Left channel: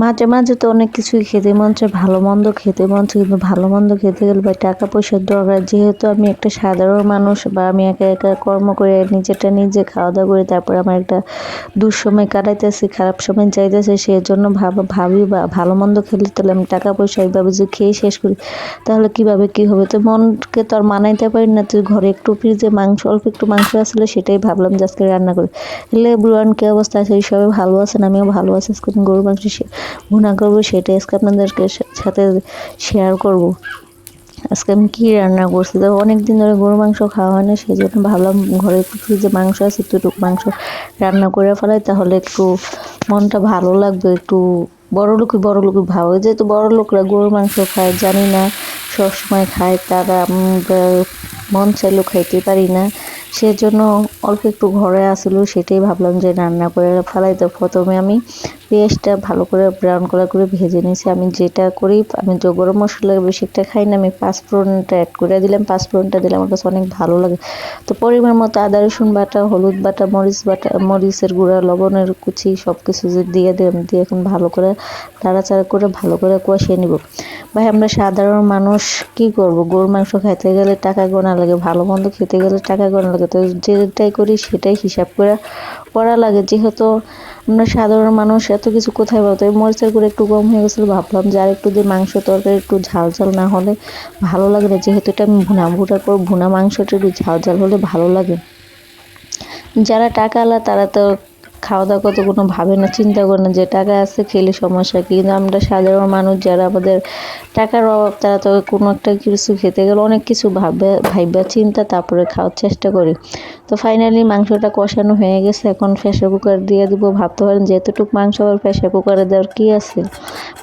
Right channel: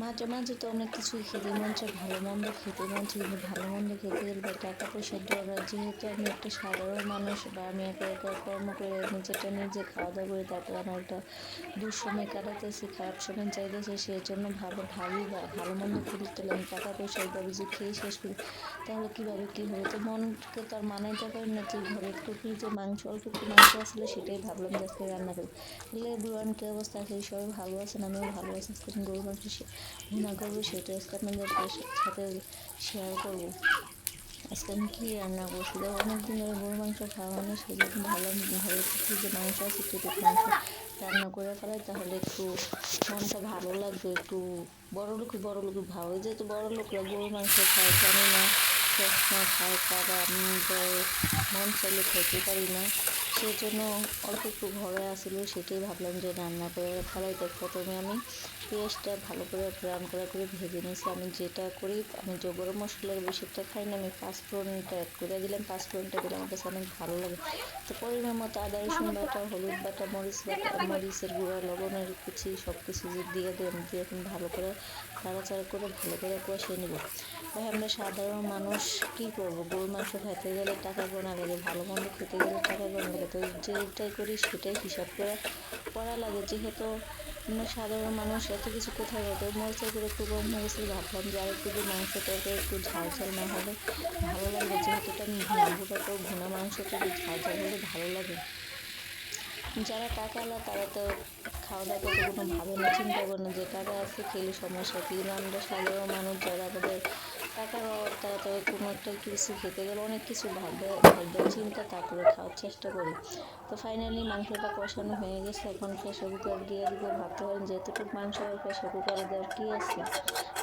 মাঝে মাঝে তো অনেক কিছুই খেতে মন চায়, ভালো মন্দ খেতে মন চায়, কিন্তু ভালো মন্দ খেতে গেলে ভাই টাকা পয়সার দরকার। যেহেতু আমি একটা সাধারণ মানুষ বা আমি একা একা কর্ম করে নিজেরটা নিজে খাওয়া দাওয়া করি, তারপরে আমার একটা দুঃসময় কাটাইতেছি, খারাপ সময় যাইতেছে, সেই জন্য ভাবি বা ভালো মন্দ খেলে তাহলে আমি টাকা পয়সা এইভাবে যে খেয়ে শেষ করি তাহলে কিভাবে কি হবে। তো মনকে তো আর মানাইতে পারি না। তো ঘরে একটু ফ্রিজে অল্প একটু মাংস আসলে সেটাই ভাবলাম যে আজকে রান্না করি। এলে বুড়ান কি অবস্থা আছে, সবাই ভালো আছেন, আমিও ভালো আছি। আজকে গরুর মাংস ভুনা করবো, সেটাই আজকে আপনাদেরকে সাথে শেয়ার করব। আজকে আমি কি রান্না করছি, তো অনেকদিন ধরে গরু মাংস খাওয়া হয় না, সেই জন্য ভাবলাম ঘরে একটু ফ্রিজে মাংস আছে, একটু মাংস রান্না করে ফেলাই, তাহলে একটু মনটা ভালো লাগবে। একটু বড় লোকই ভাব, যেহেতু বড় লোকরা গরু মাংস খায় জানি না, সবসময় খায় তারা, মন চাইলেও খাইতে পারি না। সেজন্য অল্প একটু ঘরে আসলো, সেটাই ভাবলাম যে রান্না করে ফেলাই। তো প্রথমে আমি পেঁয়াজটা ভালো করে ব্রাউন কালার করে ভেজে নিয়েছি। আমি যেটা করি, আমি যে গরম মশলা বেশি একটা খাই না, আমি পাঁচফোড়নটা অ্যাড করে দিলাম। পাঁচফোড়নটা দিলে আমার কাছে অনেক ভালো লাগে। তো পরিমাণ মতো আদা রসুন বাটা, হলুদ বাটা, মরিচের গুঁড়া, লবণের কুচি সব কিছু দিয়ে দিলাম, দিয়ে এখন ভালো করে নাড়াচাড়া করে ভালো করে কষিয়ে নিব। ভাই আমরা সাধারণ মানুষ কি করব, গরুর মাংস খাইতে গেলে টাকা গোনা লাগে, ভালো মন্দ খেতে গেলে টাকা গোনা লাগে। তো যেটাই করি সেটাই হিসাব করে করা লাগে। যেহেতু আমরা সাধারণ মানুষ, এত কিছু কোথায় পাবো। মরিচের গুঁড়ো একটু কম হয়ে গেছিলো, ভাবলাম যে আর একটু দিয়ে মাংস তরকারি একটু ঝাল ঝাল না হলে ভালো লাগে না। যেহেতু এটা আমি ভুনা করবো, ভুনা মাংসটা একটু ঝাল ঝাল হলে ভালো লাগে। যারা টাকাওয়ালা তারা তো খাওয়া দাওয়া করতে কোনো ভাবে না, চিন্তা করে না যে টাকা আছে খেলে সমস্যা কি। কিন্তু আমরা সাধারণ মানুষ যারা, আমাদের টাকার অভাব, তারা তো কোনো একটা কিছু খেতে গেলে অনেক কিছু ভাইবা চিন্তা তারপরে খাওয়ার চেষ্টা করি। তো ফাইনালি মাংসটা কষানো হয়ে গেছে, এখন প্রেসার কুকার দিয়ে দিব। ভাবতে পারেন যে এতটুকু মাংস আবার প্রেসার কুকারে দেওয়ার কী আছে।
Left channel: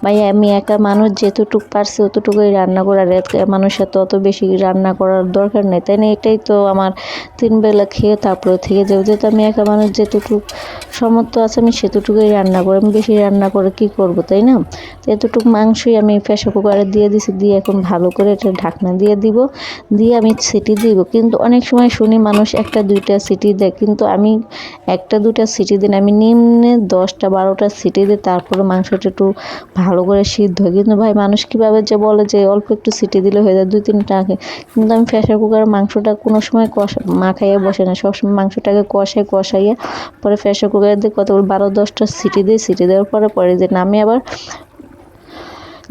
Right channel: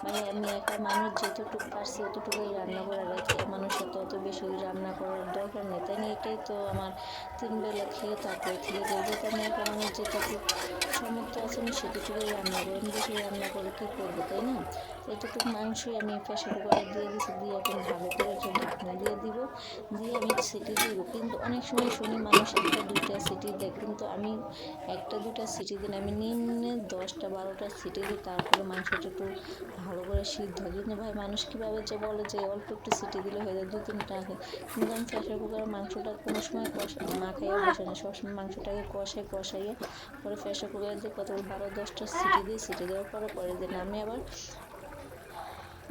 ভাই আমি একা মানুষ, যেতটুকু পারছি অতটুকুই রান্না করে, আর মানুষের তো অত বেশি রান্না করার দরকার নেই, তাই না? এটাই তো আমার 3 বেলা খেয়ে তারপরে থেকে যাবে। যেহেতু আমি একা মানুষ, যেটুকু সামর্থ্য আছে আমি সেতটুকুই রান্না করি, আমি বেশি রান্না করে কি করব, তাই না? তো এতটুকু মাংসই আমি প্রেসার কুকারে দিয়ে দিছি, দিয়ে এখন ভালো করে এটা ঢাকনা দিয়ে দিব, দিয়ে আমি সিটি দিব। কিন্তু অনেক সময় শুনি মানুষ 1-2টা সিটি দেয়, কিন্তু আমি 1-2টা সিটি দিন, আমি নিম্নে 10টা-12টা সিটি দিই, তারপরে মাংসটা একটু ভালো করে সিদ্ধ হয়। কিন্তু ভাই মানুষ কীভাবে যে বলে যে অল্প একটু সিটি দিলে হয়ে যায়, 2-3টা আগে। কিন্তু আমি প্রেসার কুকারের মাংসটা কোনো সময় মাখাইয়ে বসে না, সবসময় মাংসটাকে কষাইয়ে পরে প্রেসার কুকারে দিয়ে কত 12-10টা সিটি দিই। সিটি দেওয়ার পরে যে নামে আবার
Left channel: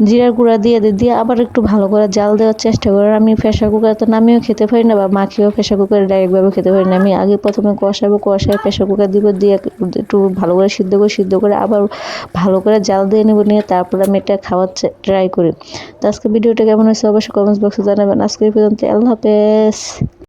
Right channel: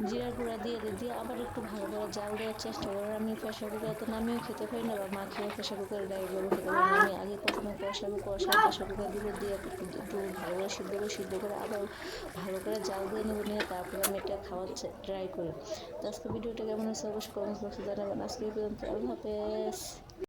জিরার গুঁড়া দিয়ে আবার একটু ভালো করে জাল দেওয়ার চেষ্টা করি। আমি প্রেসার কুকারে তো নামিয়েও খেতে পারি না, বা মাখিয়েও প্রেসার কুকারে ডাইরেক্টভাবে খেতে পারি না। আমি আগে প্রথমে কষায় প্রেসার কুকার দিব, দিয়ে একটু ভালো করে সিদ্ধ করে আবার ভালো করে জাল দিয়ে নেব, নিয়ে তারপরে আমি এটা খাওয়ার ট্রাই করি। তো আজকে ভিডিওটা কেমন হয়েছে অবশ্যই কমেন্টস বক্সে জানাবেন। আজকে এই পর্যন্ত, আল্লাহ হাফেজ।